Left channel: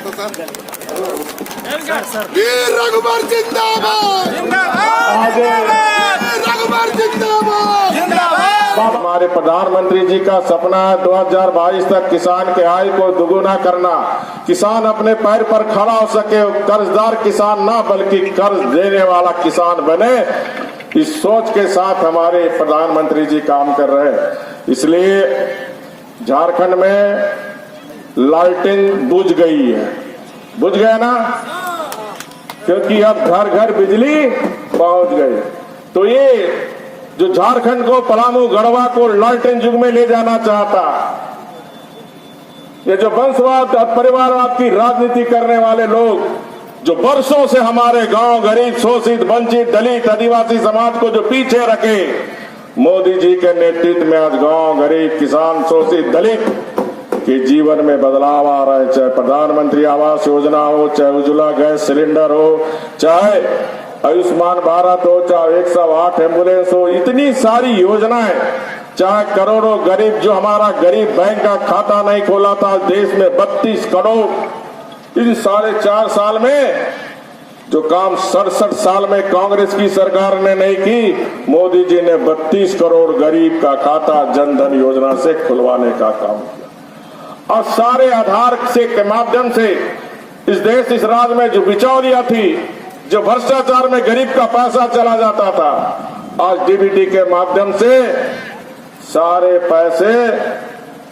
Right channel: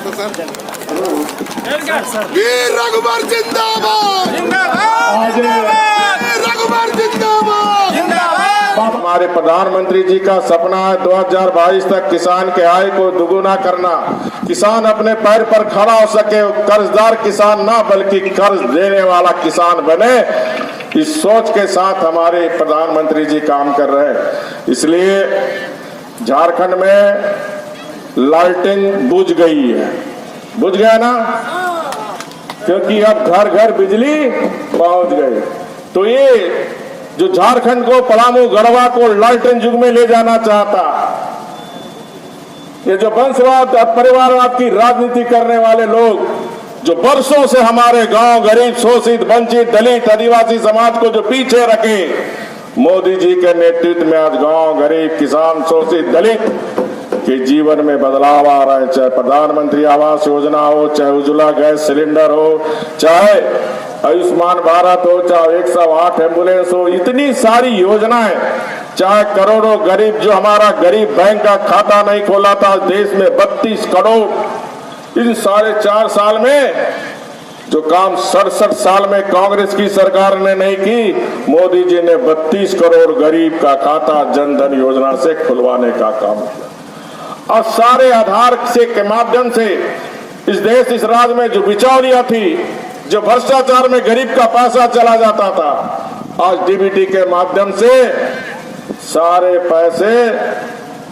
वीर रघुवर जिंदाबाद, रघुवर जिंदाबाद। हमारे प्रधानमंत्री जी का सपना है 2022 तक किसान के आय को दुगुना करना, किसान अपने पैर पर खड़ा हो सके, कर्जदार किसान ना बल्कि कर्ज देने वाला किसान बने। इस सोच के साथ हमारे प्रधानमंत्री जी काम कर रहे हैं। इसलिए झारखंड में लाइटिंग बुझ गई है, बुझ गया ना, क्योंकि अब घर घर बिजली पहुंच गई। तो ये जो झारखंड को, पलामू गढ़वा को लालटेन युग में ले जाना चाहता, ये जो वंशवाद और परिवारवाद की राजनीति करने वाले लोग, जो वर्षों से हमारे गांव, गरीब, शोषित, वंचित, दलित, आदिवासी समाज को जो पीछे रखे, मोदी जी के नेतृत्व में आज गांव, गरीब, किसान, शोषित, दलित के जीवन में बदलाव आ रहा है। चाहे प्रधानमंत्री आवास योजना हो, चाहे उज्ज्वला गैस सिलेंडर हो, चाहे आयुष्मान भारत हो, चाहे 108 एम्बुलेंस हो, इतनी सारी योजनाएं, चाहे करोड़ों गरीब, जो हमारा गरीब बैंक का खाता नहीं खोला था देश में 32 करोड़, इन 4.5 साल में जो काम 67 साल में कांग्रेस की सरकार ने नहीं की, मोदी जी ने 32 करोड़ गरीब का खाता जनधन योजना से खुलवाने का काम किया। और सारे आधार से के माध्यम से इस देश, इस राज्य में जो बिचौलियां थी, जो भ्रष्टाचार में गरीब का पैसा चला जाता था, आज डीबीटी के माध्यम से सारे पैसे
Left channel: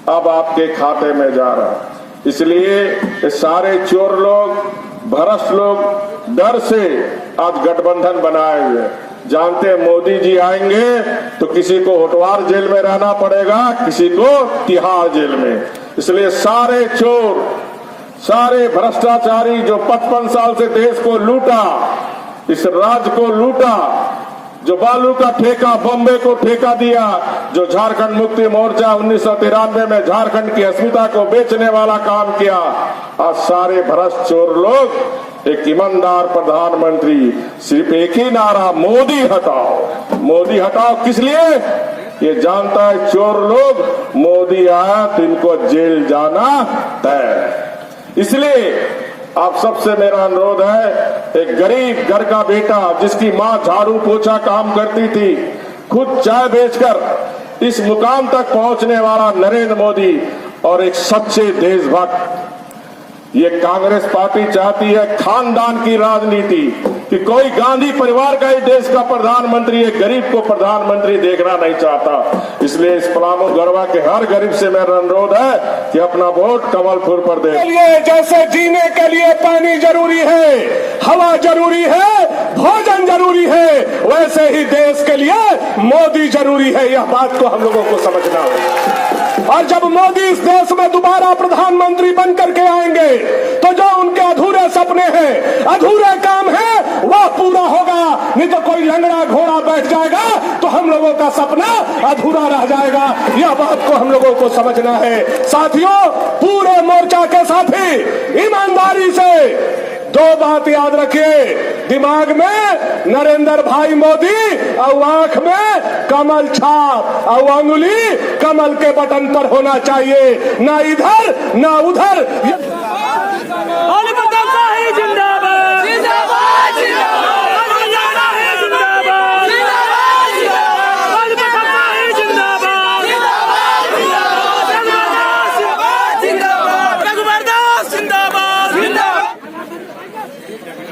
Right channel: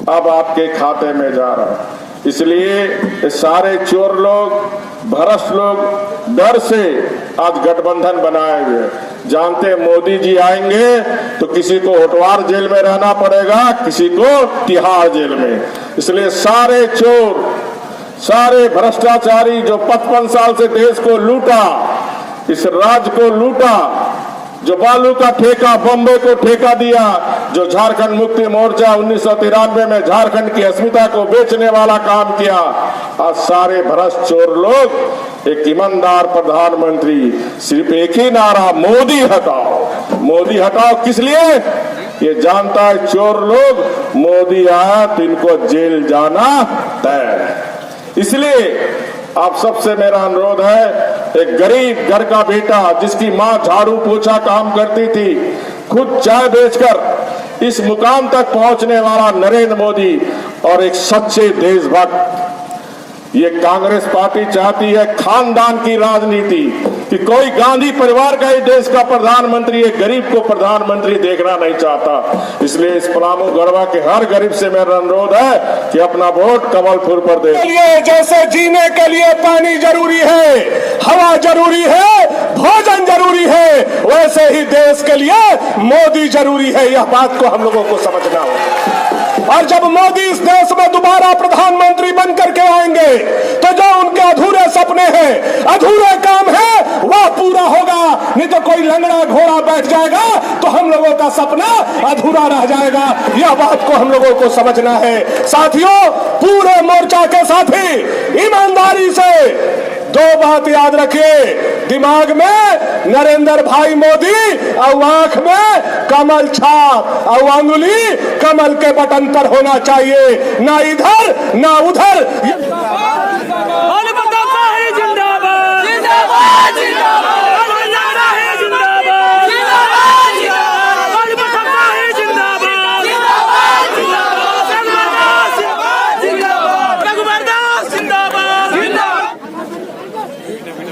अब आपके खाते में जा रहे हैं। इसलिए सारे चोर लोग, भ्रष्ट लोग डर से आज गठबंधन बनाए हुए, जानते मोदी जी आएंगे तो किसी को होटवार जेल में रहना पड़ेगा, किसी को तिहाड़ जेल में। इसलिए सारे चोर, सारे भ्रष्टाचारी जो 55 साल से देश को लूटा, इस राज्य को लूटा, जो बालू का ठेका बॉम्बे को ठेका दिया, जो झारखंड मुक्ति मोर्चा 1993 में झारखंड की अस्मिता को बेचने वाला काम किया, आज सारे भ्रष्ट चोर लोग एक ईमानदार प्रधानमंत्री, सिर्फ एक ही नारा, मोदी हटाओ। मोदी हटाओ किस लिए? ये जानता है चोर लोग, मोदी आया तो इनको जेल जाना तय। इसलिए आप सबसे मेरा अनुरोध है, एक गरीब घर का बेटा जिसकी मां झाड़ू पोछा काम करती थी, खुद चाय बेचकर इस मुकाम तक पहुंचने वाला नरेंद्र मोदी और एक सच्चे देशभक्त, ये कांग्रेस पार्टी चाहती है खानदान की राजनीति, कि कोई गांधी परिवार का ही देश का प्रधानमंत्री, एक गरीब को प्रधानमंत्री देखना नहीं चाहता। इसलिए इस पलामू गढ़वा के हर गरीब से मेरा अनुरोध है कि अपना वोट कमल फूल पर दे। जैसे जीने के लिए पानी जरूरी है, हवा जरूरी है, भोजन जरूरी है, वैसे ही देश के लिए मोदी जरूरी है। यह बात को हम लोगों को समझना है। और जब मोदी इस देश में दोबारा प्रधानमंत्री बन करके आएंगे तो जो उनके अधूरे सपने हैं, अधूरे काम है, वह पूरा होगा। नहीं तो कोई लंगड़ा घोड़ा बैठ जाएगा तो हम लोगों का सपना अधूरा रह जाएगा। यह बात को हम लोगों को समझना है। साथियों, पूरे मोर्चा के साथी ईमानदारी से दो बात याद रखिए, दिमाग में नरेंद्र भाई मोदी और आंख में कमल छाप और अंगुली कमल के बटन पर होना चाहिए, ना इधर ना उधर।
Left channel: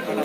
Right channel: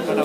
करो।